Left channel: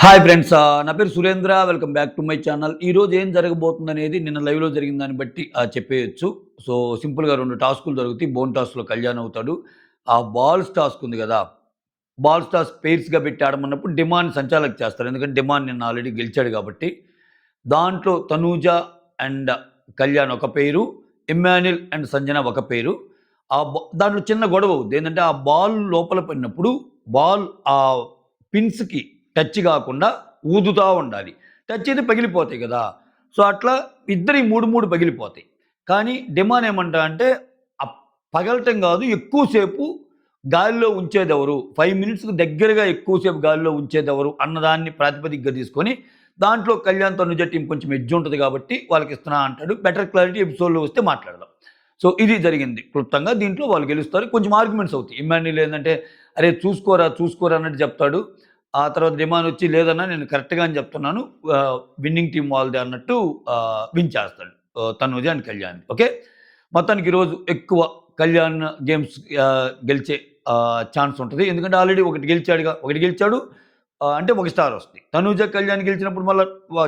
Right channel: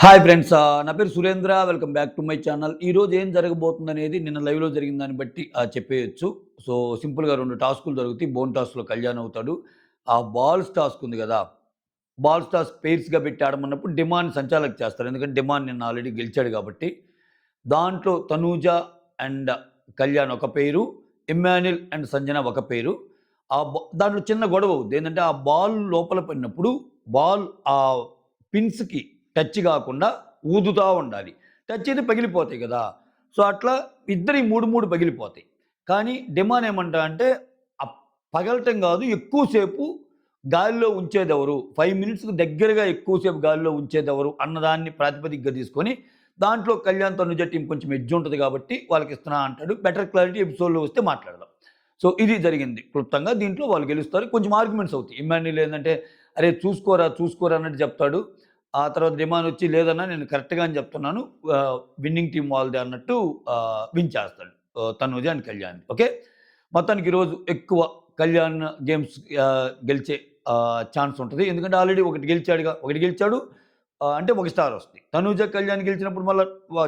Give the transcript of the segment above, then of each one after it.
Hi friends. నా పేరు Surendra. Welcome back to my channel. ఈరోజు ఏం జరగబోతుందనేది నిన్న లైవ్‌లో జరిగిన దాన్ని బట్టి చెప్పేయొచ్చు. సో, సింపుల్‌గా 2 టాస్కులు జరుగుతాయి. బోన్ టాస్క్‌లో కళ్యాణ్ అవుతాడు. ఆ బాల్స్ టాస్క్ ఉంది గదా! బాల్స్ టాస్క్ పెయిర్స్‌గా పెట్టి ఆడమన్నప్పుడు డిమాండ్ సంచాలక్ చేస్తారు. ఎందుకంటే డిమాండ్ నిన్న ఆల్రెడీ గెలిచాడు గాబట్టి. దాంట్లో తనూజ అండ్ కళ్యాణ్ ఒక పెయిరు, ఇమ్మాన్యుల్ అండ్ సంజన ఒక పెయిరు. దాంట్లో చిన్న గొడవ అవుద్ది. ఏందంటే ఆ బాల్ లోపల పడినప్పుడు బాల్ పిన్స్‌కి టచ్ గాకుండా ఊదుతా ఉండాలి. టచ్ అయితే పగిలిపోతాయి గదా! సో, అట్లా ఇద్దరియి 3, 3 పగిలిపోతాయి. కానీ డిమాండ్ ఏమంటా అంటే ఆహ్, పగలటం గాదు ఎక్కువ సేపు గాలిలో ఉంచేదెవరు? 5 మినిట్స్‌కి దగ్గరగా ఎక్కువ సేపు గాలిలో ఉంచేదెవరు? అన్నదాన్ని ప్రాతిపదికగా తీసుకొని దాంట్లో కళ్యాణ్, తనుజ టీమ్ కొంచెం ఎడ్జ్ ఉంటది గాబట్టి వాళ్ళకిస్తున్నా అంటాడు. బెటర్ క్లారిటీ ఎపిసోడ్‌లో వస్తే మాట్లాడదాం. సో, ఇది జరిగింది క్లుప్తంగా. దీంట్లో వాళ్ళు గెలుస్తారు. కొంచెం ఆర్గ్యుమెంట్స్ అవుతాయి. ఇమ్మాన్యుల్ ఏందంటే, "అరే! చూసుకోరా, చూసుకోరా" అన్నట్టు చెప్తాడు. ఆ తర్వాత డిమాన్ వచ్చి, "లేదన్నా నేను కరెక్ట్‌గానే చెప్తున్నాను. విన్నింగ్ టీమ్ వాళ్ళదే" అన్నట్టు విన్ చేస్తాడు. తనూజ అండ్ కళ్యాణ్. ఓకే. మొత్తానికి ఈరోజు ఎక్కువ కళ్యాణ్ గేమ్స్ గెలిచే ఛాన్స్ ఉంటది. ఎందుకంటే ఆల్రెడీ ఒకటి గెలిచాడుగా. ఒకటి గెలిచాడు. అంటే ఒక స్టార్ వస్తది. తనూజ, కళ్యాణ్ గెలిచినప్పుడు మళ్ళా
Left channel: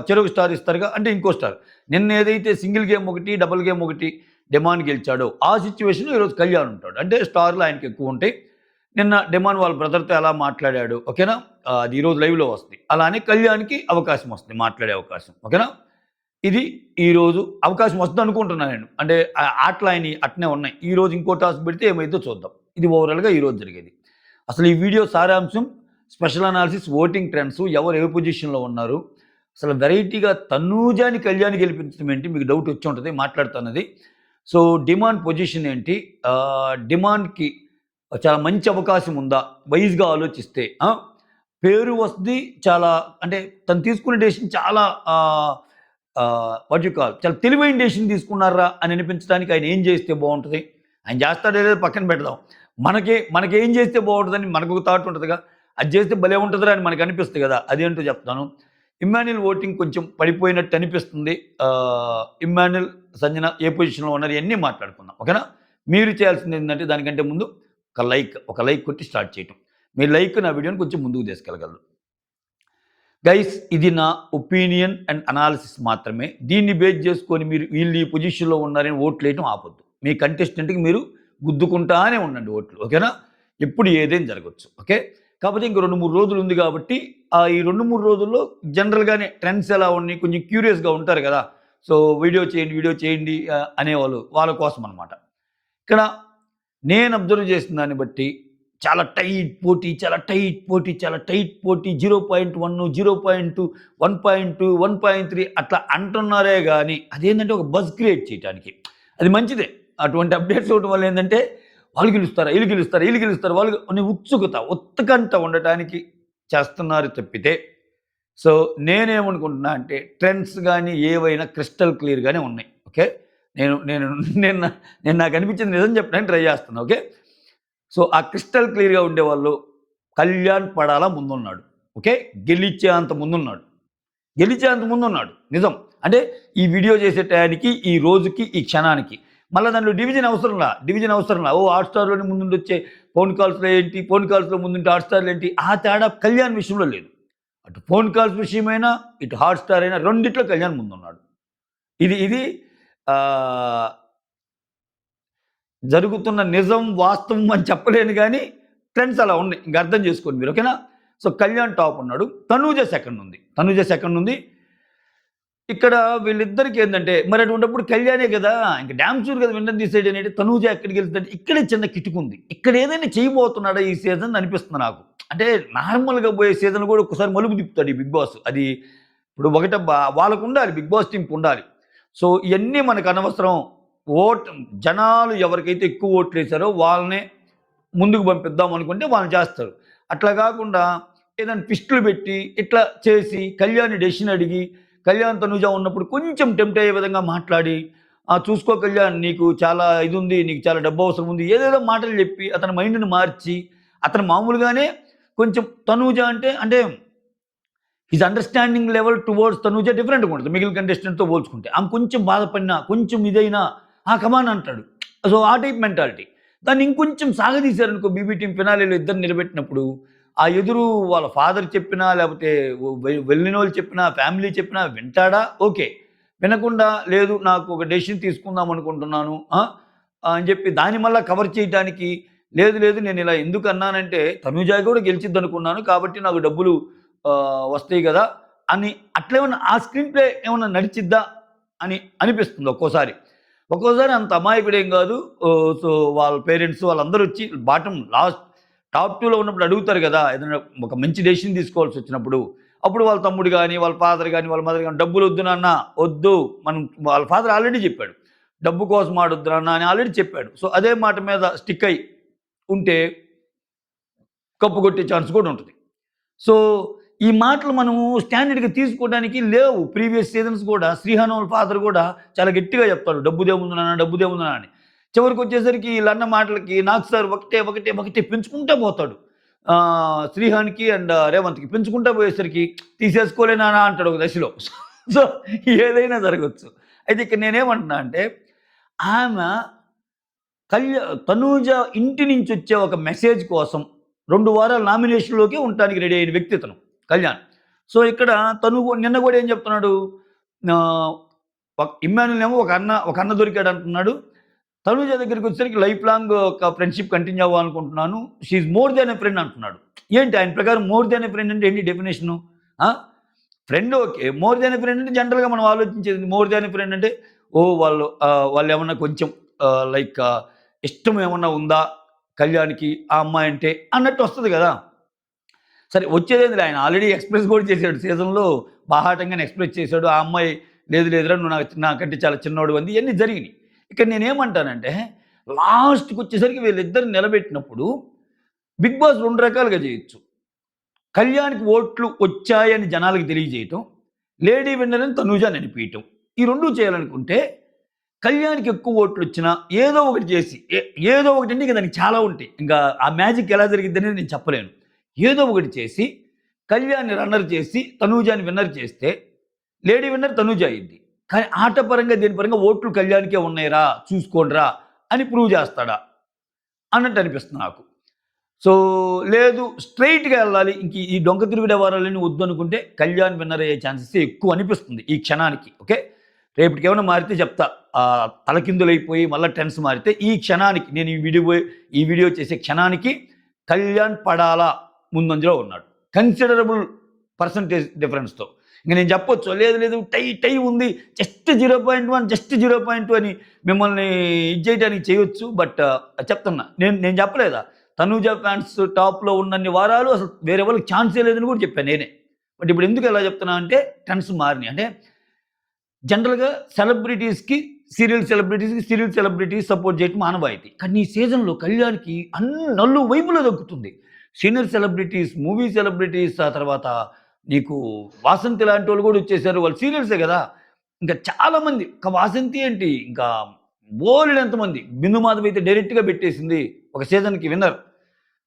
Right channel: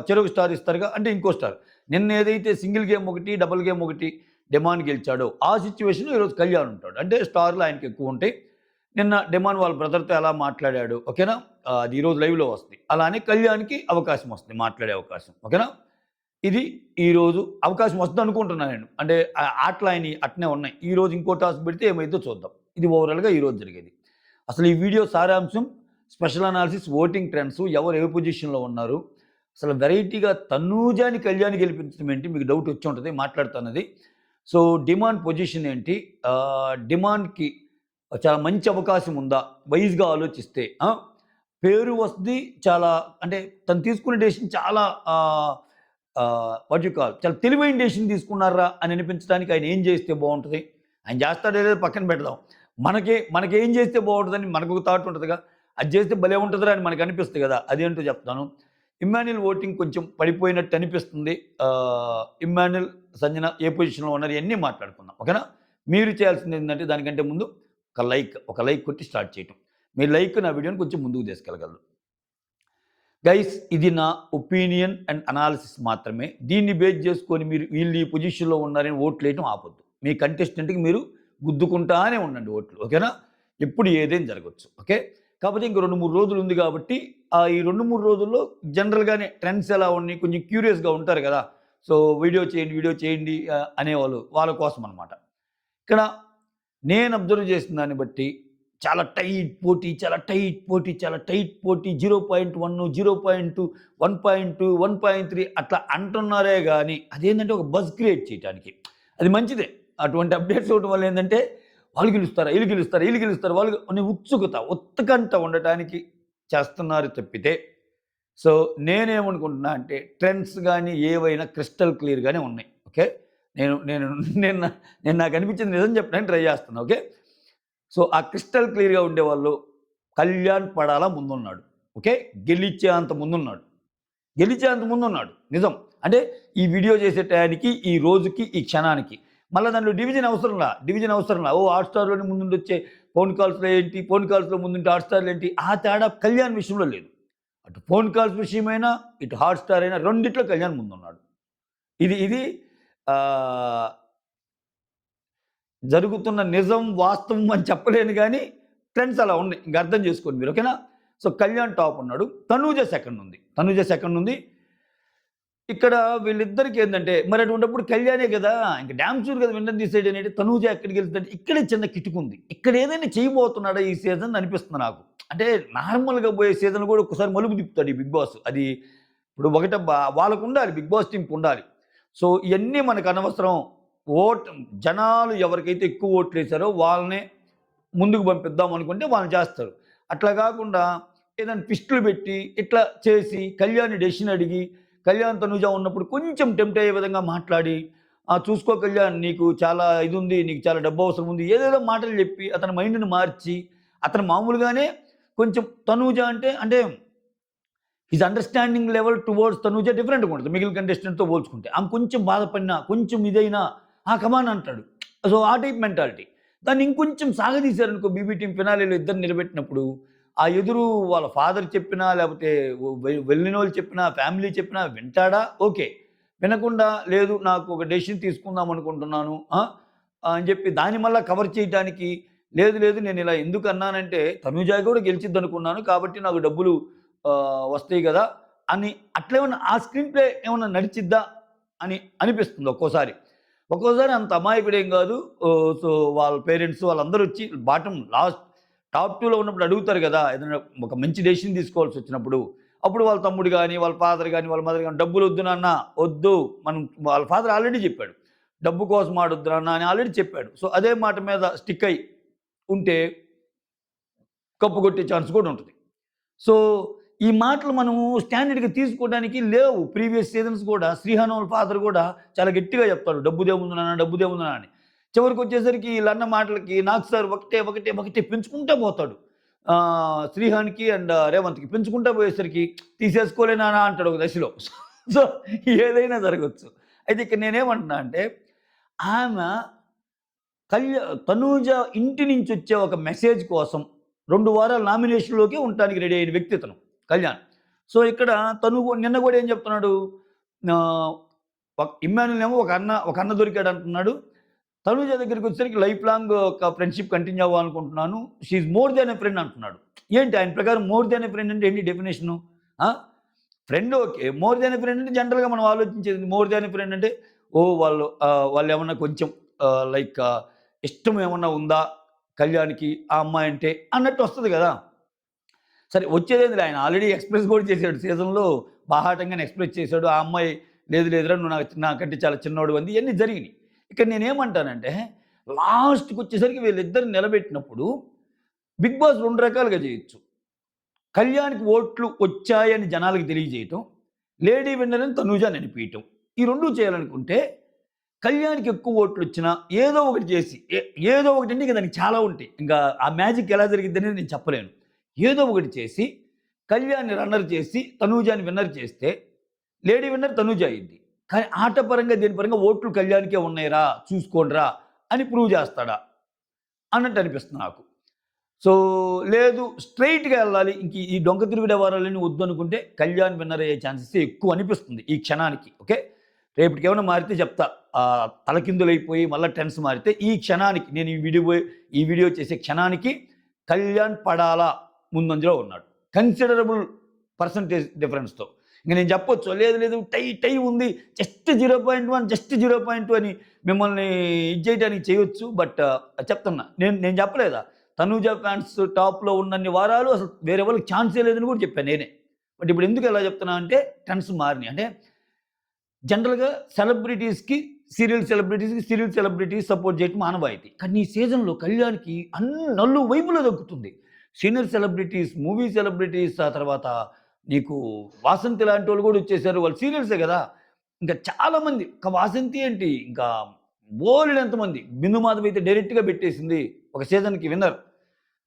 చెరొక స్టార్ ఇస్తారుగా. అంటే ఇంకో స్టార్. నిన్న ఏదైతే సింగిల్ గేమ్ ఒకటి, డబుల్ గేమ్ ఒకటి డిమాండ్ గెలిచాడో ఆ సిట్యుయేషన్‌లో ఈరోజు కళ్యాణ్ ఉంటాడు. అంటే స్టార్‌లు ఆయనకి ఎక్కువుంటాయి. నిన్న డిమాండ్ వాళ్ళ బ్రదర్‌తో ఎలా మాట్లాడాడు. ఓకేనా? అది ఈరోజు లైవ్‌లో వస్తది. అలానే కళ్యాణ్‌కి అవకాశం వస్తది. మాట్లాడే అవకాశం. ఓకేనా? ఇది ఈరోజు అవకాశం వస్తదనుకుంటున్నా నేను. అంటే ఆటలు ఆయనయి అట్నే ఉన్నాయి. ఈరోజు ఇంకో టాస్క్ పెడితే ఏమైద్దో చూద్దాం. ఇది ఓవరాల్‌గా ఈరోజు జరిగేది. అసలు ఈ వీడియో సారాంశం స్పెషల్ అనాలిసిస్ ఓటింగ్ ట్రెండ్స్ ఎవరు ఏ పొజిషన్‌లో ఉన్నారు. అసలు వెరైటీగా తనూజాని, కళ్యాణ్ గెలిపించడం ఏంటి మీకు డౌట్ వచ్చి ఉంటది మాట్లాడుతానది. సో, డిమాండ్ పొజిషన్ ఏంటి? డిమాండ్‌కి చాలా మంచి అవకాశం ఉందా? వైస్‌గా ఆలోచిస్తే పేరు వస్తది. చాలా అంటే తను తీసుకునే డెసిషన్ చాలా వాట్ యూ కాల్ చాలా తెలివైన డెసిషన్ తీసుకున్నారా అని అనిపించడానికి ఆయన ఏం చేస్తే బావుంటది? ఆయన చేస్తాడో లేదో పక్కన పెడదాం. మనకేం చేస్తే బావుంటదని మనకొక థాట్ ఉంటదిగా. అది చేస్తే భలే ఉంటదిరా అని మనకనిపిస్తది గదా! అదేంటో చెప్తాను. ఇమ్మాన్యుల్ ఓటింగ్ కొంచెం పడిపోయినట్టు అనిపిస్తుంది. ఇమ్మాన్యుల్, సంజన ఏ పొజిషన్‌లో ఉన్నారు ఇయన్నీ మాట్లాడుకుందాం. ఓకేనా? మీరు చేయాల్సిందేంటంటే దానికంటే ముందు ఒక లైక్ కొట్టి స్టార్ట్ చేయటం. మీ లైక్ నా వీడియోని కొంచెం ముందుకు తీసుకెళ్ళగలరు. గైస్ ఇది నా ఒపీనియన్ అండ్ అనాలిసిస్ మాత్రమే. దీన్ని బేస్ చేసుకొని మీరు వీళ్ళు ఈ పొజిషన్‌లో ఉన్నారని ఓట్లేయటం ఆపొద్దు. మీ కంటెస్టెంట్‌కి మీరు గుద్దుకుంటానే ఉండండి ఓట్లు. ఓకేనా? ఎప్పుడు ఏదైనా జరగొచ్చు. ఓకే. కాకపోతే ఇంక 2, 3 రోజులు ఉంది కాబట్టి ఈ 2, 3 రోజుల్లో జనరల్‌గానే ట్రెండ్స్ ఎలా ఉన్నాయి కొంచెం క్యూరియస్‌గా ఉంటారు గదా! సో, వీడియో చేయండి అనేవాళ్ళు వాళ్ళ కోసం అనమాట. ఇక్కడ నేను అబ్జర్వ్ చేసిన దాన్ని బట్టి చాలా టైట్ పోటీ, చాలా టైట్ పోటీ, చాలా టైట్ పోటీ 0.1, 0.2, 1.2, 1.3 అట్లా అంటున్నారే గానీ, అదేంటంటే ఒక బజ్ క్రియేట్ చేయటానికి. అది మంచిదే. అటువంటి అప్‌డేట్స్ ఇవ్వడం వల్ల ఏందంటే, వాళ్ళు గెలుస్తారా? ఈళ్ళు గెలుస్తారా? ఈళ్ళు గెలుస్తారా? వాళ్ళు అని ఉత్కంఠ ఉండటానికి చేస్తున్నారు తప్పితే, సో నేనేమనుకుంటున్నా అంటే ట్రెండ్స్ గాని, ఏవైనా క్రిస్టల్ క్లియర్‌గానే ఉన్నాయి. ఓకే. నేను నేను నిన్న నేను నాకనిపించింది నిజం చెప్పడానికి ట్రై చేస్తున్నా. ఓకే. సో, ఆ క్రిస్టల్ క్లియర్‌గా ఉండేవాళ్ళు కళ్యాణ్ పడాల ముందున్నాడు. ఓకే. గెలిచేంత ముందున్నాడు. గెలిచేంత ముందున్నాడు. నిజం. అంటే ఈ వీడియో చేసే టయానికి, ఈ రోజుకి, ఈ క్షణానికి. మళ్ళా దాంట్లో డివిజన్ అవసరంలా. హాట్‌స్టార్‌లోనే ముందుండొచ్చే ఫోన్ కాల్స్‌లో ఏంటి, ఫోన్ కాల్స్‌లో ముందుంటే హాట్‌స్టార్‌లో ఏంటి, ఆ తేడా కళ్యాణ్ విషయంలో లేదు. అటు ఫోన్ కాల్స్ విషయమైనా, ఇటు హాట్‌స్టార్ అయినా రెండిట్లో కళ్యాణ్ ముందున్నాడు. ఇది ఇది ఆహ్, జరుగుతున్న నిజం, వాస్తవం అని చెప్పలేను గానీ, ట్రెండ్స్ అలా ఉన్నాయి. ఇంక అర్థం చేసుకోండి మీరు. ఓకేనా? సో, కళ్యాణ్ టాప్ ఉన్నాడు. తనూజ సెకండ్ ఉంది. ఇక్కడ వీళ్ళిద్దరికి ఏందంటే, మరి అటువంటప్పుడు కళ్యాణే గదా! ఇంక డామ్ షూర్ గదా! విన్నర్ డిసైడ్ అనేది. తనూజ ఎక్కడికెళ్తదంటే, ఇక్కడే చిన్న కిటుకుంది. ఇక్కడ ఏదైనా చేయబోతున్నాడా ఈ సీజన్ అనిపిస్తుంది నాకు. అంటే నార్మల్‌గా పోయే సీజన్ గూడా ఒక్కసారి మలుపు తిప్పుతాడు ఈ బిగ్ బాస్. అది ఇప్పుడు ఒకటబ్బా వాళ్ళకుండాలి. బిగ్ బాస్ టీమ్‌కుండాలి. సో, ఇయన్నీ మనకనవసరం. ఓట్ జనాలు ఎవరికైతే ఎక్కువ ఓట్లేసారో వాళ్ళనే ముందుకు పంపిద్దాం అనుకుంటే వాళ్ళు చేస్తారు. అట్లా గాకుండా ఏదైనా ట్విస్టులు పెట్టి, ఇట్లా చేసి కళ్యాణ్‌ని డెసిషన్ అడిగి, కళ్యాణ్, తనుజ ఉన్నప్పుడు కొంచెం టెంప్ట్ అయ్యే విధంగా మాట్లాడి, చూసుకో కళ్యాణ్ నీకు చాలా ఇదుంది. నీకు చాలా డబ్బు అవసరం ఉంది. ఏదేదో మాటలు చెప్పి అతని మైండ్‌ని మార్చి, అతను మామూలుగానే కొంచెం తనూజ అంటే his understanding level towards Tanuja డిఫరెంట్‌గా ఉంటది. మిగిలిన కంటెస్టెంట్‌తో పోల్చుకుంటే. ఆమె కొంచెం బాధపడినా, కొంచెం ఇదైనా, కమాన్ అంటాడు. సో, ఆ టైప్ మెంటాలిటీ. దాన్ని ఇంకొంచెం సాగదీశారనుకో బీబీ టీమ్ ఫినాలేలో ఇద్దరిని నిలబెట్టినప్పుడు, ఆ ఎదురు వాళ్ళ ఫాదర్ చెప్పినా, లేపోతే వెళ్ళినోళ్ళు చెప్పినా, ఫ్యామిలీ చెప్పినా వింటాడా? ఓకే. వినకుండా లేదు నాకు ఒక డెసిషన్ తీసుకుందాం అనుకుంటున్నాను. అని చెప్పి దాన్ని మళ్ళా కవర్ చేయటానికి లేదు, లేదు నేనిలా ఎందుకన్నానంటే తనూజ కూడా గెలిచిద్దనుకున్నాను. కాబట్టి నాకు డబ్బులు వస్తాయి గదా! అని అట్లేమన్నా ఆ స్క్రీన్ ప్లే ఏమన్నా నడిచిద్దా అని అనిపిస్తుంది ఒక్కోసారి. ఒక్కోసారి అంత అమాయకుడేం గాదు. సో, వాళ్ళ పేరెంట్స్ వాళ్ళందరొచ్చి టాప్ 2లో ఉన్నప్పుడు అడుగుతారు గదా! ఏదైనా ఒక మంచి డెసిషన్ తీసుకోవాల్సొచ్చినప్పుడు. అప్పుడు వాళ్ళ తమ్ముడు గాని, వాళ్ళ ఫాదర్ గాని, వాళ్ళ మదర్ గాని "డబ్బులొద్దు నాన్న, ఒద్దు." మనం వాళ్ళ ఫాదర్ ఆల్రెడీ జెప్పాడు. "డబ్బు కోసం ఆడొద్దు నాన్న" అని ఆల్రెడీ చెప్పాడు. సో, అదే మాట మీద స్టిక్ అయ్యి ఉంటే కప్పు కొట్టే ఛాన్స్ కూడా ఉంటది. సో, ఈ మాటలు మనము స్టాండర్డ్‌గా తీసుకోవడానికి లేవు. ప్రీవియస్ సీజన్స్ గూడా 'శ్రీహాన్' వాళ్ళ ఫాదర్ గూడా చాలా గట్టిగా చెప్తాడు. "డబ్బుదేముంది నాన్న, డబ్బుదేముంది నాన్న" అని. చివరికొచ్చేసరికి ఈళ్ళన్న మాటలకి నాకు సార్ ఒకటే, ఒకటే, ఒకటే పెంచుకుంటా పోతాడు. 'శ్రీహాన్‌కి' అండ్ రేవంత్‌కి పెంచుకుంటా పోయేసరికి "తీసేసుకోలే నాన్న" అంటాడు ఒక దశలో. సో, ఏదైనా జరగొచ్చు. అయితే ఇక్కడ నేనేమంటున్నా అంటే, ఆమె తనూజ ఇంటి నుంచొచ్చే ఒక మెసేజ్ కోసం 2 వారాలు నామినేషన్‌లోకే ఉండటానికి రెడీ అయిన వ్యక్తి ఇతను కళ్యాణ్. సో, ఇక్కడ తను నిన్న గూడా ఏం చెప్తున్నాడు? ఆహ్, ఇమ్మాన్యుల్ ఏమో ఒక అన్న దొరికాడంటున్నాడు. తనూజ దగ్గరికొచ్చేసరికి లైఫ్ లాంగ్ ఒక ఫ్రెండ్‌షిప్ కంటిన్యూ అవ్వాలనుకుంటున్నాను. She is more than a friend అంటున్నాడు. ఏంటి ఆయన ప్రకారం మోర్ దాన్ ఎ ఫ్రెండ్ అంటే ఏంటి డెఫినిషను? ఆ! Friend okay. More than a friend అంటే జనరల్‌గా మనం ఆలోచించేది మోర్ దాన్ ఎ ఫ్రెండ్ అంటే వాళ్ళేమన్నా కొంచెం లైక్ ఇష్టం ఏమన్నా ఉందా కళ్యాణ్‌కి ఆ అమ్మాయంటే అన్నట్టు వస్తది గదా! సరే వచ్చేదేందిలే ఆయన ఆల్రెడీ ఎక్స్‌ప్రెస్ గూడా చేసాడు. సీజన్‌లో బాహాటంగానే ఎక్స్‌ప్రెస్ చేసాడు. ఆ అమ్మాయి లేదు లేదురా నువ్వు నాకంటే చాలా చిన్నోడివి అంది. ఇయన్నీ జరిగినియి. ఇక్కడ నేనేమంటానంటే లాస్ట్‌కొచ్చేసరికి వీళ్ళిద్దరిని నిలబెట్టినప్పుడు 'బిగ్ బాస్' 2 రకాలుగా జేయొచ్చు. కళ్యాణ్‌కి ఓట్లు వచ్చాయని జనాలకి తెలియజేయటం. లేడీ విన్నర్ అని తనూజని అనిపియటం. ఈ 2 చేయాలనుకుంటే కళ్యాణ్‌కి ఎక్కువ ఓట్లొచ్చినా ఏదో ఒకటి చేసి ఏదో ఒకటంటే ఇంక దానికి చాలా ఉంటాయి. ఇంకా ఆ మ్యాజిక్ ఎలా జరిగిద్దనేది నేను చెప్పలేను. ఏదో ఒకటి చేసి కళ్యాణ్‌ని రన్నర్ చేసి తనూజని విన్నర్ చేస్తే లేడీ విన్నర్ తనూజ అయ్యిద్ది. కానీ ఆట పరంగా దేని పరంగా ఓట్లు కళ్యాణ్‌కే ఉన్నాయిరా చూసుకోండిరా అని ప్రూవ్ చేస్తాడా? అన్నట్టు అనిపిస్తుంది నాకు. సో, లేదు స్ట్రెయిట్‌గా ఎళ్ళాలి. ఇంక ఈ డొంక తిరుగుడు వ్యవహారాలన్నీ వద్దనుకుంటే కళ్యాణ్ విన్నర్ అయ్యే ఛాన్సెసే ఎక్కువ అనిపిస్తుంది ఈ క్షణానికి. ఓకే. రేపటికేమన్నా మారితే చెప్తా. తలకిందులైపోయి మళ్ళా టెన్స్ మారితే ఈ క్షణానికి నేను ఈ వీడియో చేసే క్షణానికి కళ్యాణ్ పడాలా ముందంజలో ఉన్నాడు. కన్సిడరబుల్ పర్సెంటేజ్ డిఫరెన్స్‌తో. ఇంక నేను చెప్పొచ్చు. లేదు లేదు టై ఉంది. జస్ట్ 0.1 జస్ట్ 0.2 అని మిమ్మల్ని ఇది చేయడానికి చేయొచ్చు. బట్ చెప్తున్నా. నేను చెప్పలేదా? తనూజ ఫ్యాన్స్ టాప్‌లో ఉన్నన్ని వారాలు అసలు వేరే వాళ్ళకి ఛాన్సే లేదని కూడా చెప్పాను నేనే. బట్ ఇప్పుడు ఎందుకు ఇలా చెప్తున్నా అంటే ట్రెండ్స్ మారినియి. అంటే జనరల్‌గా సీరియల్ సెలబ్రిటీస్ సపోర్ట్ చేయటం ఆనవాయితీ. కానీ ఈ సీజన్‌లో కళ్యాణ్‌కి నలువైపులా దక్కుతుంది. సీనియర్ సెలబ్రిటీస్, మూవీ సెలబ్రిటీస్ ఆ తర్వాత నీకు 'వాసంతి' లాంటోళ్ళు కూడా వచ్చేసారు. వాళ్ళు సీరియల్సే గదా! ఇంకా చాలామంది వాసంతి ఏంటి ఇంకా బోలెడంతమంది. 'బిందు మాధవి' అయితే డైరెక్ట్‌గా పెట్టేసింది ఒక సీజన్‌కి విన్నర్.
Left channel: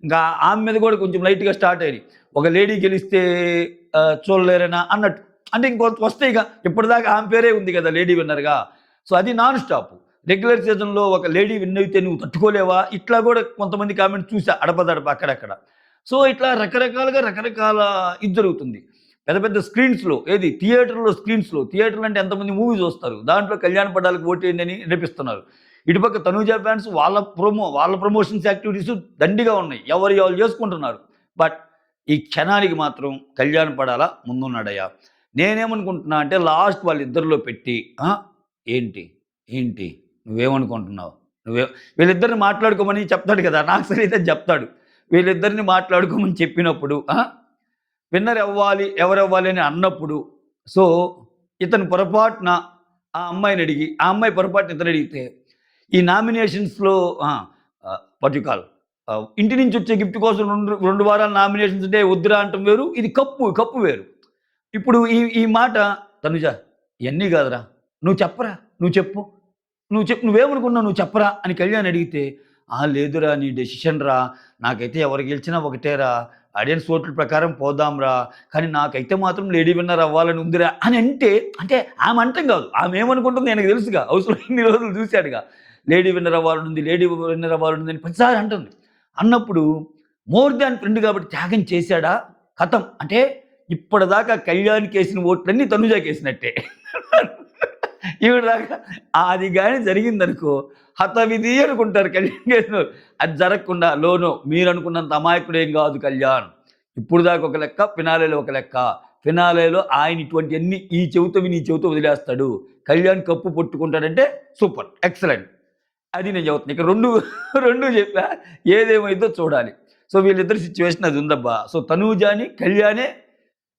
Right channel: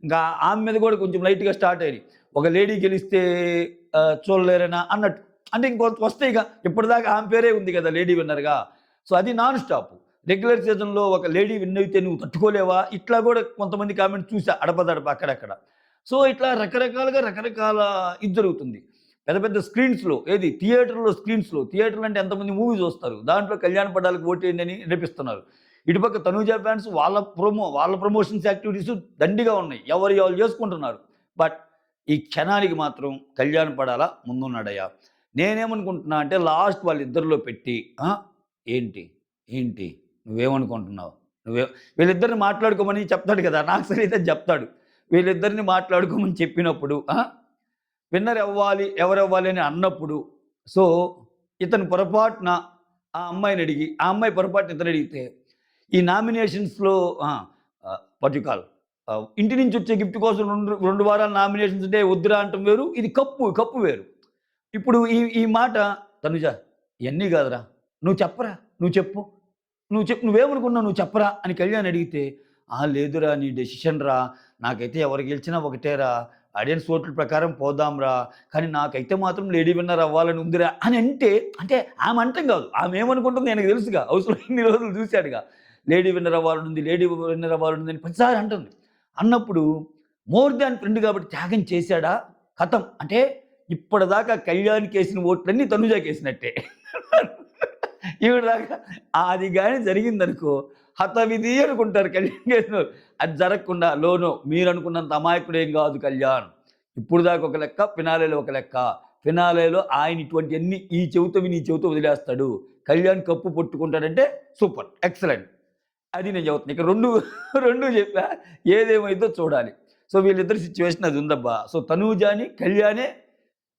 ఇంకా ఆమె మీద కూడా కొంచెం లైట్‌గా స్టార్ట్ అయినాయి. ఒక లేడీ గెలిస్తే చూడలేరనా అన్నట్టు. అంటే వస్తాయిగా. ఇప్పటిదాకా ఆమె పేరే ఉంది కదా! లేడీ విన్నర్‌గా. సో, అది నాన్ స్టాప్. రెగ్యులర్ సీజన్‌లో ఒక లేడీ విన్ అయితే నువ్వు తట్టుకోలేవా? ఇట్లా కూడా కొంతమంది కామెంట్స్ చూసా అడపదడప అక్కడక్కడ. సో, ఇట్లా రకరకాలుగా రకరకాల ఇది జరుగుతుంది. పెద్ద పెద్ద స్క్రీన్స్‌లో థియేటర్‌లు అంటే ఎంతమంది మూవీ చూస్తారు. దాంట్లో కళ్యాణ్ పడాలకు ఓటేయండి అని రేపిస్తున్నారు. ఇటుపక్క తనూజ ఫ్యాన్స్ వాళ్ళ ప్రమోషన్స్ యాక్టివిటీస్ దండిగా ఉన్నాయి. ఎవరియి వాళ్ళు చేసుకుంటున్నారు. బట్ ఈ క్షణానికి మాత్రం కళ్యాణ్ పడాలా ముందున్నాడయ్యా. నేనేమనుకుంటున్నా అంటే లాస్ట్ వాళ్ళిద్దరిలో పెట్టి ఏంటి? ఏంటి? నువ్వేమనుకుంటున్నావు? వీళ్ళిద్దరిని మాట్లాడుకోమని చెప్తాడు కదా! నాకు సరైతే చెప్తాడు. వీళ్ళిద్దరిని మాట్లాడుకోమని చెప్పినప్పుడు విన్నర్ అవ్వాలి, ఎవరవ్వాలి అని అన్నప్పుడు సో, ఇతను పొరపాటున ఆ అమ్మాయిని అడిగి, ఆ అమ్మాయి పొరపాటున ఇతనడిగితే ఈ నామినేషన్స్‌లో ఆ! వాట్ యూ కాల్ ఇంటి నుంచి వచ్చే గిఫ్ట్ కోసం 2 వారాలు నామినేషన్స్ ఉంటే వద్దురా అనటం వేరు. ఇది కప్పు వేరు. ఇప్పుడు ఈ మాట తనుజ ఇయన్నీ కాదురా! నువ్వు చెప్పరా! నువ్వు చెప్పు. నువ్వేమనుకున్నావు నువ్వు చెప్పరా! అని కళ్యాణ్ అడిగితే, లేదురా నీ డెసిషన్ రా! నాకైతే ఎవరు గెలిచినా ఒకటేరా! ఆడియన్స్ ఓట్ల ప్రకారం పోదాంరా! కానీ నాకైతే మాత్రం లేడీ విన్నర్ అవ్వాలని ఉందిరా! అని అంటే ఆమె అంటం కాదు. ఆమె ఏమనుకుంటుందో ఆయనకు తెలుసుగా. హౌస్‌లో ఇన్ని రోజులు చూసాడుగా. లేడీ విన్నర్ అవ్వాలనుంది అని ప్రతిసారి అంటుంది. అన్నప్పుడు మోర్ దాన్ ఫ్రెండ్ కాబట్టి త్యాగం చేశాడా? ఖతం. అంటే ఇప్పటిదాకా కళ్యాణ్‌కేసిన ఓట్లన్నీ తనుజాకేసినట్టే. ఈవిడదాకా అది గాని జరిగిందనుకో హతవిధి అనుకుంటారు కళ్యాణ్. అది జరగకుండా నో మీరనుకున్నంత అమాయకుడేం గాదు కళ్యాణ్. ఇప్పుడు దాకా ఒక లెక్క, ఫినాలేలో ఒక లెక్క. ఫినాలేలో ఆయన ఇటువంటియన్నీ ఈ చెవితో విని, ఈ చెవితో వదిలేస్తాడు. కళ్యాణ్ కప్పు పట్టుకుంటాడంటే సూపర్. ఎక్సలెంట్. అది నేను చెబుతున్నా. ఇక 2 చెప్పా. ఏదేమైద్దో చూడాలి. సో, వీళ్ళిద్దరి సిట్యుయేషన్ అది ఉందబ్బా. సో, తనూజాని, కళ్యాణే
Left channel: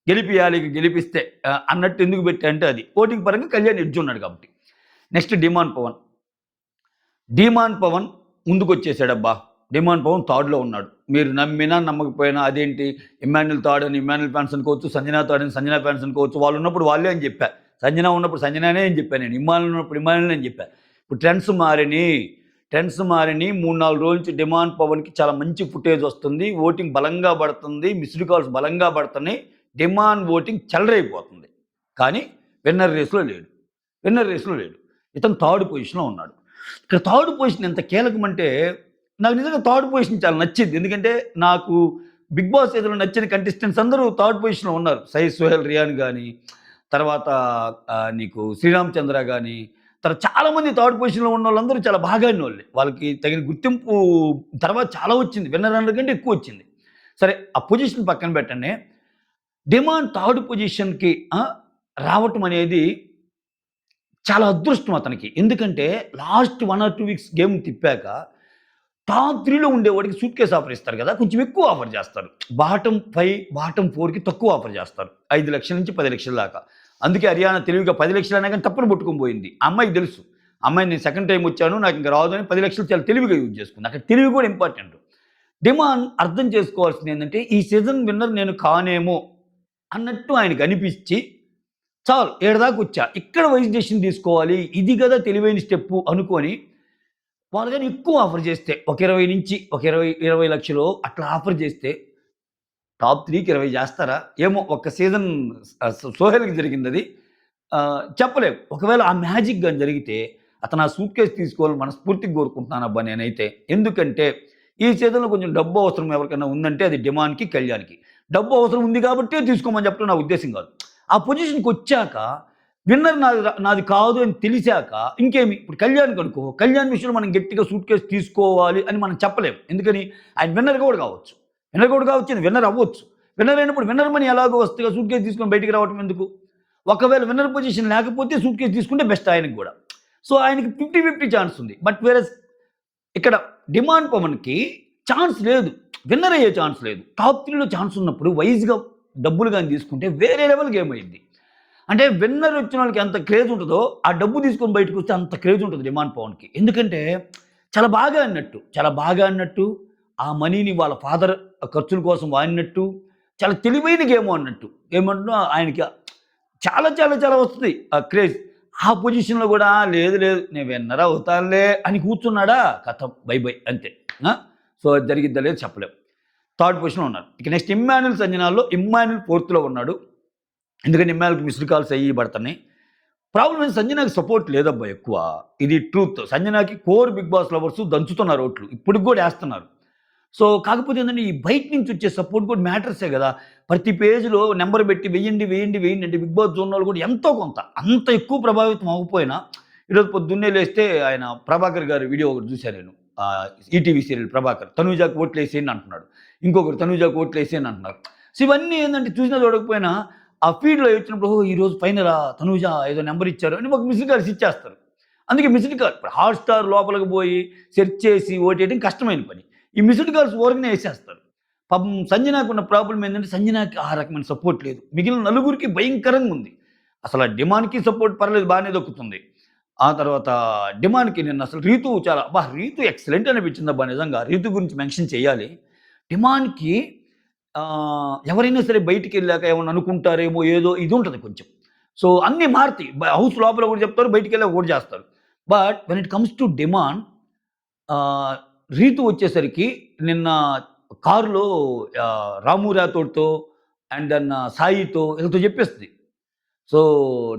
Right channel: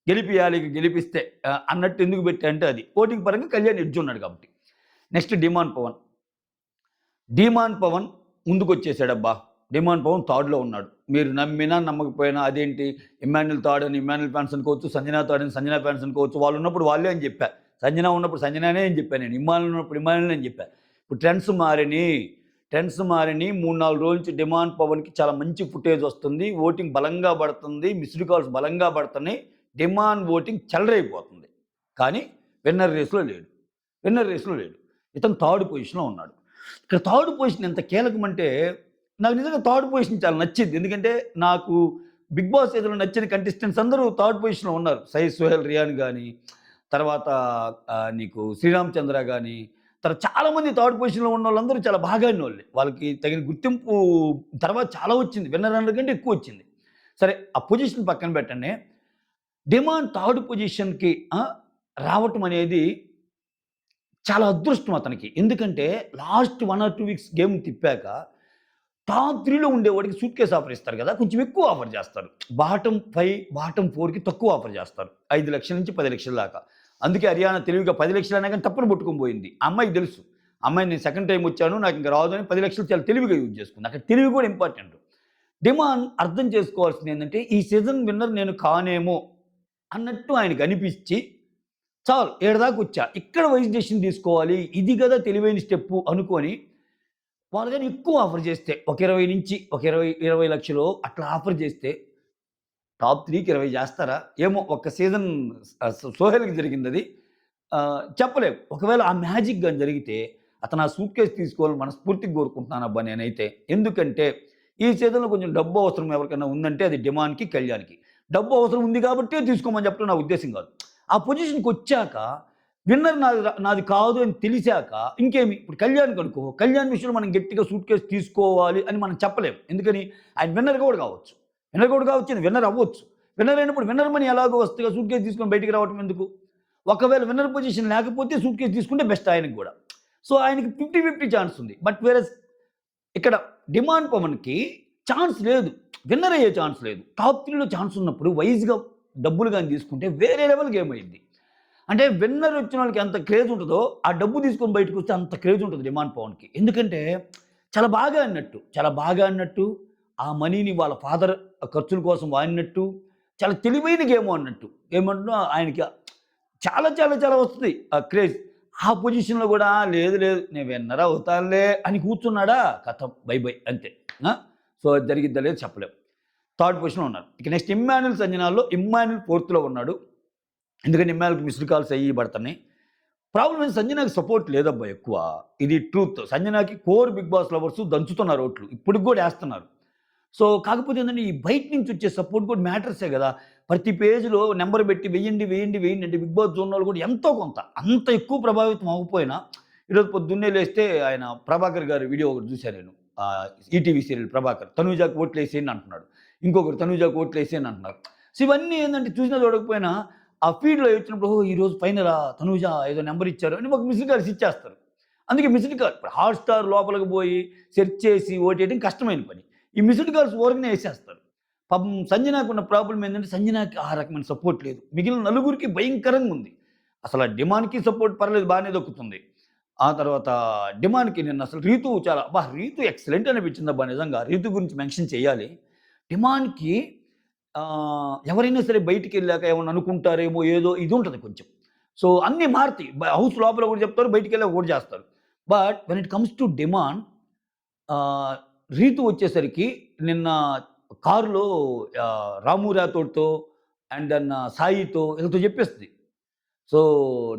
గెలిపియాలి. గెలిపిస్తే అన్నట్టు ఎందుకు పెట్టా అంటే అది. ఓటింగ్ పరంగా కళ్యాణ్ ఎడ్జ్ ఉన్నాడు కాబట్టి. Next demon Pavan. Demon Pavan ముందుకొచ్చేసాడబ్బా! డీమాన్ పవన్ థర్డ్‌లో ఉన్నాడు. మీరు నమ్మినా, నమ్మకపోయినా అదేంటి ఇమ్మాన్యుల్ థర్డ్ అని ఇమ్మాన్యుల్ ఫ్యాన్స్ అనుకోవచ్చు, సంజన థర్డ్ అని సంజన ఫ్యాన్స్ అనుకోవచ్చు. వాళ్ళున్నప్పుడు వాళ్ళే అని చెప్పా. సంజన ఉన్నప్పుడు సంజననే అని చెప్పా నేను. ఇమ్మాన్యుల్ ఉన్నప్పుడు ఇమ్మాన్యులే అని చెప్పా. ఇప్పుడు ట్రెండ్స్ మారినియి. 3, 4 రోజుల నుంచి డిమాండ్ పవన్‌కి చాలా మంచి ఫుటేజ్ వస్తుంది. ఓటింగ్ బలంగా పడుతుంది. మిస్డ్ కాల్స్ బలంగా పడుతున్నాయి. డిమాండ్ ఓటింగ్ చెలరేగిపోతుంది. కానీ విన్నర్ రేస్‌లో లేడు. విన్నర్ రేస్‌లో లేడు. ఇతను థర్డ్ పొజిషన్‌లో ఉన్నాడు. ఇక్కడ థర్డ్ పొజిషన్ ఎంత కీలకమంటే, నాకు నిజంగా థర్డ్ పొజిషన్ చాలా నచ్చింది. ఎందుకంటే, నాకు 'బిగ్ బాస్' సీజన్‌లో నచ్చిన కంటెస్టెంట్స్ అందరూ థర్డ్ పొజిషన్‌లో ఉన్నారు. 'సోహెల్ రియాన్' గాని, తర్వాత నీకు 'శ్రీరామ్ చంద్ర' గాని, తర్వాత చాలామంది థర్డ్ పొజిషన్‌లో ఉన్నోళ్ళందరూ చాలా బాగా ఆడినోళ్ళే. వాళ్ళకి తగిన గుర్తింపు తర్వాత చాలా వచ్చింది. విన్నర్ రన్నర్ కంటే ఎక్కువొచ్చింది. సరే ఆ పొజిషన్ పక్కన పెట్టండి. డిమాండ్ థర్డ్ పొజిషన్‌కి రావటం అనేది చాలా అదృష్టం అతనికి. ఎందుకంటే లాస్ట్ 1 ఆర్ 2 వీక్స్ గేమ్ తిప్పాక టాప్ 3లో ఉండేవాడికి సూట్‌కేస్ ఆఫర్ ఇస్తారు గదా! కొంచెం ఎక్కువ ఆఫర్ జేస్తారు. బాటమ్ 5, బాటమ్ 4కి తక్కువ ఆఫర్ జేస్తారు. 5,00,000 నుంచి 10,00,000 దాకా. అందుకే హర్యానా తెలివిగా 10,00,000 అనా గాని టప్పున పట్టుకొని పోయింది. ఆ అమ్మాయికి తెలుసు. అమ్మాయి నేను సెకండ్ టైమ్ వచ్చాను. నాకింక రాదు అని 10,00,000 చాలా తెలివిగా యూజ్ చేసుకుంది. అక్కడ తెలివి కూడా ఇంపార్టెంట్. డిమాండ్ అర్థం చేసుకోవాల్సిందేంటంటే ఈ సీజన్ విన్నర్ నేను కానేమో అన్నట్టు ఆయనకనిపిచ్చి చాలు ఈడదాకొచ్చా. ఇక్కడ వైస్ డెసిషన్ తీసుకోవాలి. ఇది గదా తెలివైన స్టెప్పు అనుకోని, వాళ్ళు గాని ఎక్కువ ఆఫర్ చేస్తే ఒక 20 నుంచి ఒక 20,00,000 అట్లా ఆఫర్ చేస్తే టాప్ 3కి 20 చేస్తారా? ఏమో ఒక్క సీజన్ సోహెల్‌కి జరిగిందది. చెప్పలేం. ఒకవేళ ఆ మ్యాజిక్ గాని జరిగితే అతను ఆ సూట్‌కేస్ తీసుకోవాలని మనస్ఫూర్తిగా కోరుకుంటున్నానబ్బా నేనైతే. ఎందుకంటే ఈ సీజన్‌లో కొంచెం డబ్బు అవసరం ఎవరికైనా ఉందంటే అది డిమాండ్‌కి, కళ్యాణ్‌కి. డబ్బు అవసరం ఉంది కాబట్టే తీసుకోమని చెప్పడం నా ఉద్దేశ్యం కాదు. ఆ పొజిషన్‌కొచ్చాక విన్నర్ నాది కాదు అని తెలిసాక ఇంకేమి ఇప్పుడు కళ్యాణ్‌కనుకో, కళ్యాణ్ విషయంలో మనం గట్టిగా సూట్‌కేస్ తీసుకోవాలి అని మనం చెప్పలేం. ఎందుకని ఆయన విన్నర్ కూడా కావచ్చు. విన్నర్ కూడా కావచ్చు, విన్నర్ అవ్వచ్చు. విన్నర్ అయినప్పుడు విన్నర్ మనీ ఎలాగో వస్తదిగా సూట్‌కేస్ తీసుకొని బయటికి రావటం ఎందుకు? ఒకవేళ విన్నర్ పొజిషన్ లేకపోతే సూట్‌కేస్ తీసుకుంటే బెస్ట్ ఆయనకి గూడా. సో ఆయనకి 50, 50 ఛాన్స్ ఉంది. బట్ వేరస్ ఇక్కడ డిమాండ్ పవన్‌కి ఛాన్స్ లేదు. విన్నర్ అయ్యే ఛాన్స్ లేదు. టాప్ 3లో ఛాన్స్ ఉన్నప్పుడు వైస్‌గా డబ్బులు గాని తీసుకుంటే వేరే లెవెల్ గేమ్ అయ్యిద్ది. అంటే విన్నర్ వచ్చినోళ్ళకి ఎంత క్రేజ్ ఉంటదో, ఆ డబ్బు తీసుకొని బయటకొస్తే అంత క్రేజ్ ఉంటది డిమాండ్ పవన్‌కి. ఎందుకంటే చాలా బాగా ఆడినట్టు, ఆ మనీని వాళ్ళ ఫాదర్ ఖర్చుల కోసం వాడినట్టు, చాలా తెలివైన గేమ్ ఆడినట్టు. ఏమంటున్నా ఆయనకి చాలా వస్తది ఆ క్రేజ్. ఆ పొజిషన్‌లో గూడా లేదు నేను విన్నర్ అవుతానులే అని కూర్చున్నాడా ఖతం బై బై అంతే. ఆ! సో అది జరిగిద్దా లేదో చెప్పలేం. థర్డ్ పొజిషన్‌లో ఉన్నారు. ఇక నెక్స్ట్ ఇమ్మాన్యుల్ సంజనాల్లో ఇమ్మాన్యుల్ ఫోర్త్‌లో ఉన్నాడు. ఎందుకంటే ఇమ్మాన్యుల్‌కి మిస్డ్ కాల్స్ అయ్యి పడుతున్నాయి. ప్రాబ్లమ్ ఏంటి సంజనాకి సపోర్ట్ లేదబ్బా ఎక్కువ. ఇది ట్రూత్. సంజనాకి కోర్ బిగ్ బాస్ లవర్స్ దంచుతున్నారు ఓట్లు. ఇప్పటికి గూడా ఏస్తున్నారు. సో, కాకపోతే ఏందంటే, ఈ బయట నుంచి వచ్చే సపోర్ట్ కూడా మ్యాటర్సే గదా! ప్రతి పేజ్‌లో నంబర్ పెట్టి వెయ్యండి అంటే బిగ్ బాస్ చూడనోళ్ళు కూడా ఎంతో కొంత, అంత ఎక్కువ ప్రభావితం అవ్వకపోయినా, ఈరోజు పొద్దున్నే లేస్తే ఆయన ప్రభాకర్ గారి వీడియో ఒకటి చూసా నేను. ETV serial Prabhakar. తనూజాకి ఓట్లేసేయండి అంటున్నాడు. ఇంకొకరు తనూజాకి ఓట్లేసేయండి అంటున్నారు. సో, ఇవన్నీ ఏందంటే చూసినా చూడకపోయినా ఆ ఫీడ్‌లో వచ్చినప్పుడు ఓహ్! ఈరోజు ఫైనలా తనూజ ఏదో నంబర్ ఇచ్చారు అని ఒక మిస్డ్ కాల్స్ ఇచ్చేస్తారు. అందుకే మిస్డ్ కాల్ ఇప్పుడు హాట్‌స్టార్ లోపలికి పోయి సెర్చ్ చేసి ఓటేయడం కష్టమైన పని. ఈ మిస్డ్ కాల్స్ ఊరకనే యేసేస్తారు. పాపం సంజనాకున్న ప్రాబ్లమ్ ఏంటంటే, సంజనాకి ఆ రకమైన సపోర్ట్ లేదు. మిగిలిన నలుగురికి భయంకరంగా ఉంది. అసల డిమాండ్‌కి సపోర్ట్ పర్లేదు బానే దక్కుతుంది. ఆ తర్వాత డిమాండ్‌కి నిన్న అసలు రీతు చాలా అబ్బా! రీతు ఎక్సలెంట్ అనిపించిందబ్బా నిజంగా. రీతు గురించి మెన్షన్ చేయాలి. డిమాండ్‌కి ఎవరైనా సరే బయటికెళ్ళాక ఏమన్నా అనుకుంటారేమో ఏదో ఇది ఉంటది కొంచెం. సో, అన్నీ మారతాయి. హౌస్ లోపల ఒకటి చెప్తారు. బయటికెళ్ళాక ఒకటి చేస్తారు. But when it comes to demand ఆహ్, రీతు వచ్చేసరికి నిన్న కారులో రాము రాథోడ్‌తో అండ్ దెన్ సాయితో వీళ్ళతో చెప్పేస్తది. సో,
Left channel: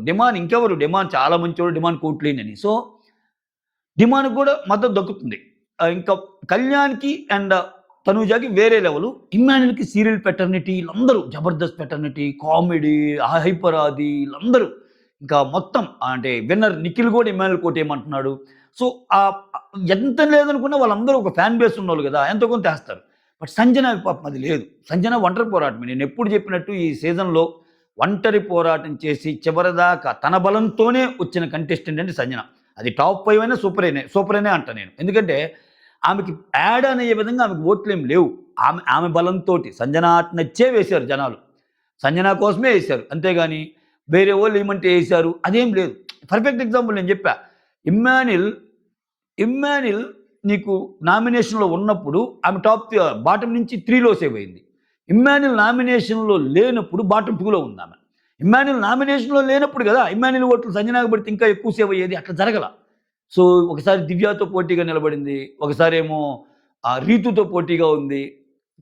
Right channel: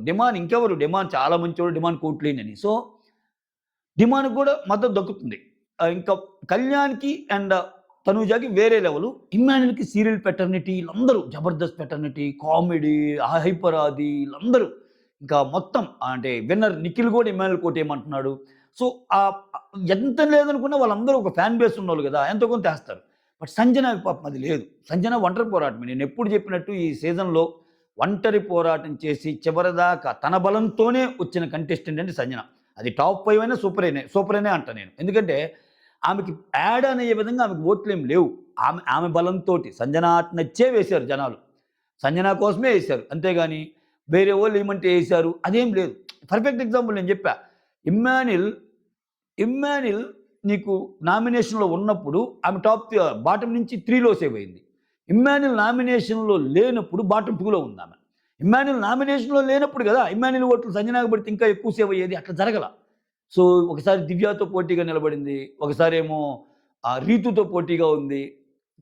డిమాండ్ ఇంకెవరు డిమాండ్ చాలా మంచోడు డిమాండ్ కోట్లేనని. సో, డిమాండ్‌కి కూడా మద్దతు దక్కుతుంది. ఇంకా కళ్యాణ్‌కి అండ్ తనూజకి వేరే లెవెలు. ఇమ్మాన్యుల్‌కి సీరియల్ పెటర్నిటీ ఈళ్ళందరూ 'Jabardasth' fraternity, comedy, hyper Aadi ఈళ్ళందరూ ఇంకా మొత్తం అంటే విన్నర్ నిఖిల్ గూడా ఇమ్మాన్యుల్ కోటేయమంటున్నాడు. సో, ఎంత లేదనుకున్నా వాళ్ళందరూ ఒక ఫ్యాన్ బేస్ ఉన్నోళ్ళు గదా! ఎంతో కొంత ఏస్తారు. బట్ సంజనాకి పాపం అది లేదు. సంజన ఒంటరి పోరాటమే. నేనెప్పుడు చెప్పినట్టు ఈ సీజన్‌లో ఒంటరి పోరాటం చేసి చివరిదాకా తన బలంతోనే వచ్చిన కంటెస్టెంట్ అంటే సంజన. అది టాప్ 5 అయినా సూపరేనే అంటా నేను. ఎందుకంటే ఆమెకి యాడ్ అనే విధంగా ఆమెకి ఓట్లేమి లేవు. ఆమె బలంతోటి సంజన ఆట నచ్చే వేశారు జనాలు. సంజన కోసమే ఏశారు. అంతేగాని వేరే వోళ్ళు ఏయమంటే ఏశారు అదేం లేదు. పర్ఫెక్ట్ ఎగ్జాంపుల్ నేను జెప్పా. ఇమ్మాన్యుల్, ఇమ్మాన్యుల్ నీకు నామినేషన్‌లో ఉన్నప్పుడు ఆమె బాటమ్ నుంచి 3లో సేవ్ అయింది. ఇమ్మాన్యుల్ నామినేషన్‌లో లేనప్పుడు బాటమ్ 2లో ఉందామె. ఇమ్మాన్యుల్ నామినేషన్‌లో లేనప్పుడు గదా! ఇమ్మాన్యుల్ ఓట్లు సంజనాకి పడితే ఇంకా ఎక్కువ సేవ్ అయ్యేది. అట్లా జరగల. సో, ఒకసారి దివ్యతో పోటీగా నిలబడింది. ఒకసారేమో రీతుతో పోటీగా ఉంది.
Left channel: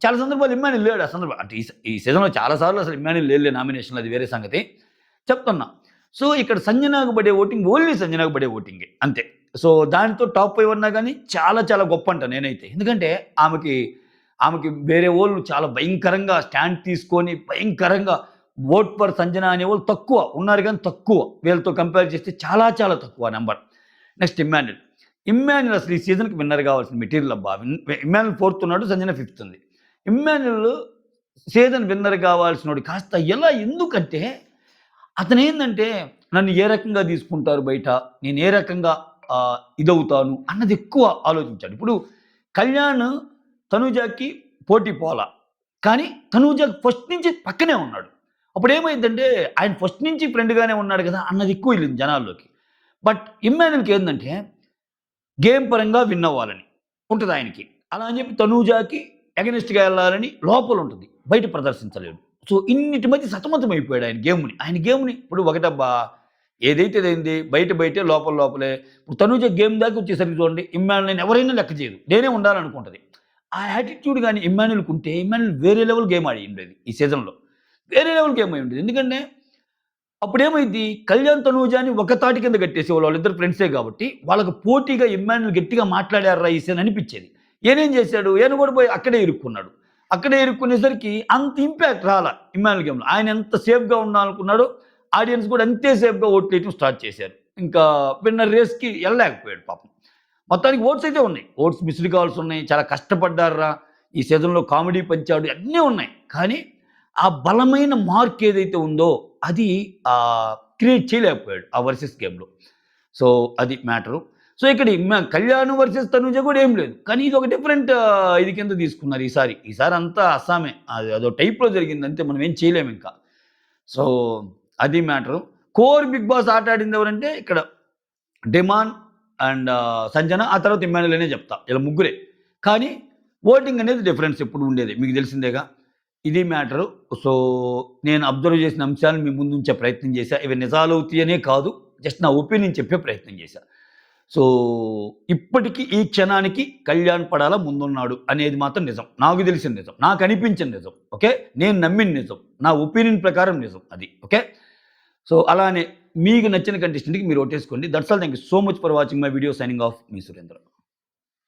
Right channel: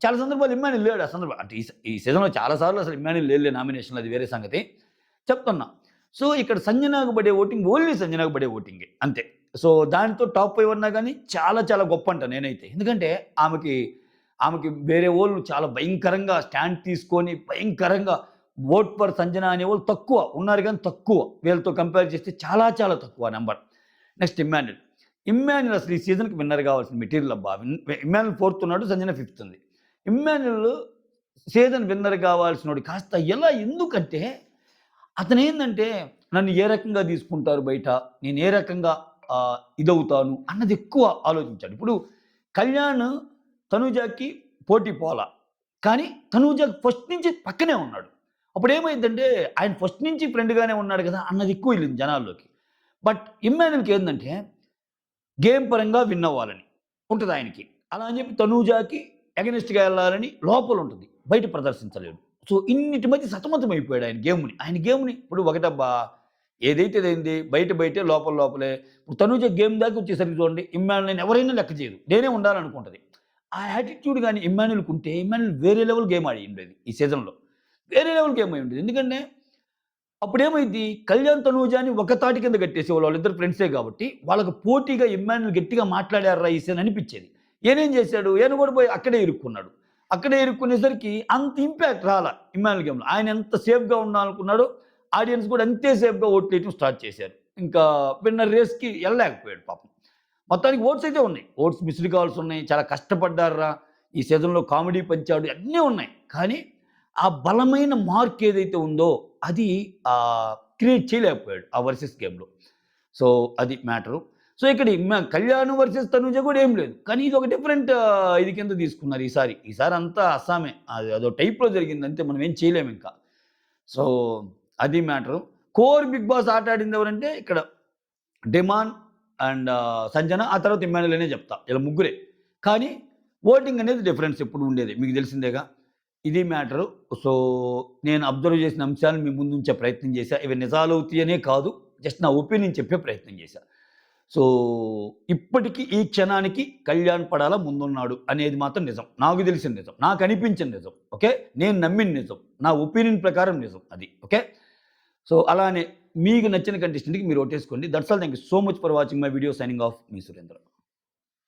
చాలా సందర్భాలు ఇమ్మాన్యుల్ లేడు ఆ సందర్భం. అంటే ఈ సీజన్‌లో చాలా సార్లు అసలు ఇమ్మాన్యుల్ లేడులే నామినేషన్‌లో అది వేరే సంగతి. చెప్తున్నా. సో, ఇక్కడ సంజనాకు పడే ఓటింగ్ ఓన్లీ సంజనాకు పడే ఓటింగే అంతే. సో, దానితో టాప్ 5 అన్నా గాని చాలా చాలా గొప్పంట నేనైతే. ఎందుకంటే ఆమెకి వేరే వోళ్ళు చాలా భయంకరంగా స్టాండ్ తీసుకొని భయంకరంగా ఓట్ ఫర్ సంజన అనేవాళ్ళు తక్కువ. ఉన్నారు గానీ తక్కువ. వీళ్ళతో కంపేర్ చేస్తే చాలా చాలా తక్కువ నంబర్. Next Emmanuel. ఇమ్మాన్యుల్ అసలు ఈ సీజన్‌కి విన్నర్ గావాల్సిన మెటీరియల్ అబ్బా! ఇమ్మాన్యుల్ ఫోర్త్ ఉన్నాడు. సంజన ఫిఫ్త్ ఉంది. ఇమ్మాన్యుల్ సీజన్ విన్నర్ గావాల్సినోడు కాస్త ఎందుకంటే అతనేందంటే నన్ను ఏ రకంగా తీసుకుంటారు బయట? నేను ఏ రకంగా ఇదవుతాను అన్నది ఎక్కువ ఆలోచించాడు. ఇప్పుడు కళ్యాణ్ తనూజకి పోటీ పోలా. కానీ తనూజ ఫస్ట్ నుంచి పక్కనే ఉన్నాడు. అప్పుడేమైందంటే ఆయన ఫస్ట్ నుంచి ఫ్రెండ్‌గానే ఉన్నాడు గదా! అన్నది ఎక్కువ ఎళ్ళింది జనాల్లోకి. బట్ ఇమ్మాన్యుల్‌కి ఏందంటే గేమ్ పరంగా విన్ అవ్వాలని ఉంటది ఆయనకి. అలా అని చెప్పి తనూజకి అగెనిస్ట్‌గా ఎళ్ళాలని లోపలుంటది. బయట ప్రదర్శించలేడు. సో, ఇన్నిటి మధ్య సతమతమైపోయాడు ఆయన గేమ్‌ని ఇప్పుడు ఒకటబ్బా! ఏదైతే అదైంది. బయటే లోపలే. ఇప్పుడు తనూజ గేమ్ దాకా వచ్చేసరికి చూడండి ఇమ్మాన్యుల్‌ని ఎవరైనా లెక్క చేయరు. నేనే ఉండాలనుకుంటది. ఆ యాటిట్యూడ్ గాని ఇమ్మాన్యుల్‌కుంటే ఇమ్మాన్యుల్ వేరే లెవెల్ గేమ్ ఆడి ఉండేది ఈ సీజన్‌లో. వేరే లెవెల్ గేమ్ అయ్యుండేది. ఎందుకంటే అప్పుడేమైద్ది కళ్యాణ్, తనూజని ఒక తాటి కింద కట్టేసేవాళ్ళు. వాళ్ళిద్దరు ఫ్రెండ్సే కాబట్టి వాళ్ళకి పోటీగా ఇమ్మాన్యుల్ గట్టిగా మాట్లాడారురా ఈ సీన్ అనిపిచ్చేది. ఈయనేం చేశాడు? ఈయన కూడా పోయి అక్కడే ఇరుక్కున్నాడు. అక్కడే ఇరుక్కునేసరికి అంత ఇంపాక్ట్ రాలా ఇమ్మాన్యుల్ గేమ్‌లో. ఆయన ఎంత సేఫ్‌గా ఉండాలనుకున్నాడో ఆడియన్స్ కూడా అంతే సేఫ్‌గా ఓట్లేయటం స్టార్ట్ చేశారు. ఇంకా విన్నర్ రేస్‌కి ఎళ్ళలేకపోయాడు పాపం. మొత్తానికి ఓట్స్ అయితే ఉన్నాయి. ఓట్స్ మిస్డ్ కాల్స్ ఉన్నాయి. చాలా కష్టపడ్డార్రా! ఈ సీజన్‌లో కామెడీ పంచాడు అన్నీ ఉన్నాయి. కానీ ఆ బలమైన మార్క్ ఏదైతే ఉందో అది క్రియేట్ చేయలేకపోయాడు ఆ వర్సెస్ గేమ్‌లో. సో, అది మ్యాటరు. సో, ఇక్కడ కళ్యాణ్ వర్సెస్ తనూజ కూడా ఏం లేదు. కానీ ఇది ఒక డిఫరెంట్ ఇది కింద తీసుకున్నారు ఈసారి. ఈసారి అంతా అస్సామే. అదో టైప్‌లో జరిగింది అంతే మనం ఏం చేయలేమింకా. సో, అది మ్యాటరు. కోర్ బిగ్ బాస్ ఆట ఆడింది ఎవరంటే ఇక్కడ డిమాన్ అండ్ సంజన ఆ తర్వాత ఇమ్మాన్యుల్ అనే చెప్తా. ఈళ్ళ ముగ్గురే. కానీ ఓటింగ్ అనేది డిఫరెన్స్ ఎప్పుడు ఉండేది. మీకు తెలిసిందేగా. ఇది మ్యాటరు. సో, నేను అబ్జర్వ్ చేసిన అంశాలను మీ ముందుంచే ప్రయత్నం చేశా. ఇవి నిజాలవుతాయనే కాదు. జస్ట్ నా ఒపీనియన్ చెప్పే ప్రయత్నం చేశా. సో, ఇప్పటికి ఈ క్షణానికి కళ్యాణ్ పడాల ముందున్నాడు అనేది మాత్రం నిజం. నాకు తెలిసిన నిజం. నాకు అనిపించిన నిజం. ఓకే. నేను నమ్మిన నిజం. నా ఒపీనియన్ ప్రకారం నిజం అది. ఓకే. సో, అలానే మీకు నచ్చిన కంటెస్టెంట్‌కి మీరు ఓటేసుకోండి. That's all. Thank you so much for watching my video. Signing off మీ సురేంద్ర.